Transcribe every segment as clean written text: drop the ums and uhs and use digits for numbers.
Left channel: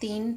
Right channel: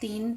3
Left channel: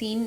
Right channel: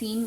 3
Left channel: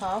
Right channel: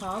½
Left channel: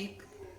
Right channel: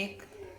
1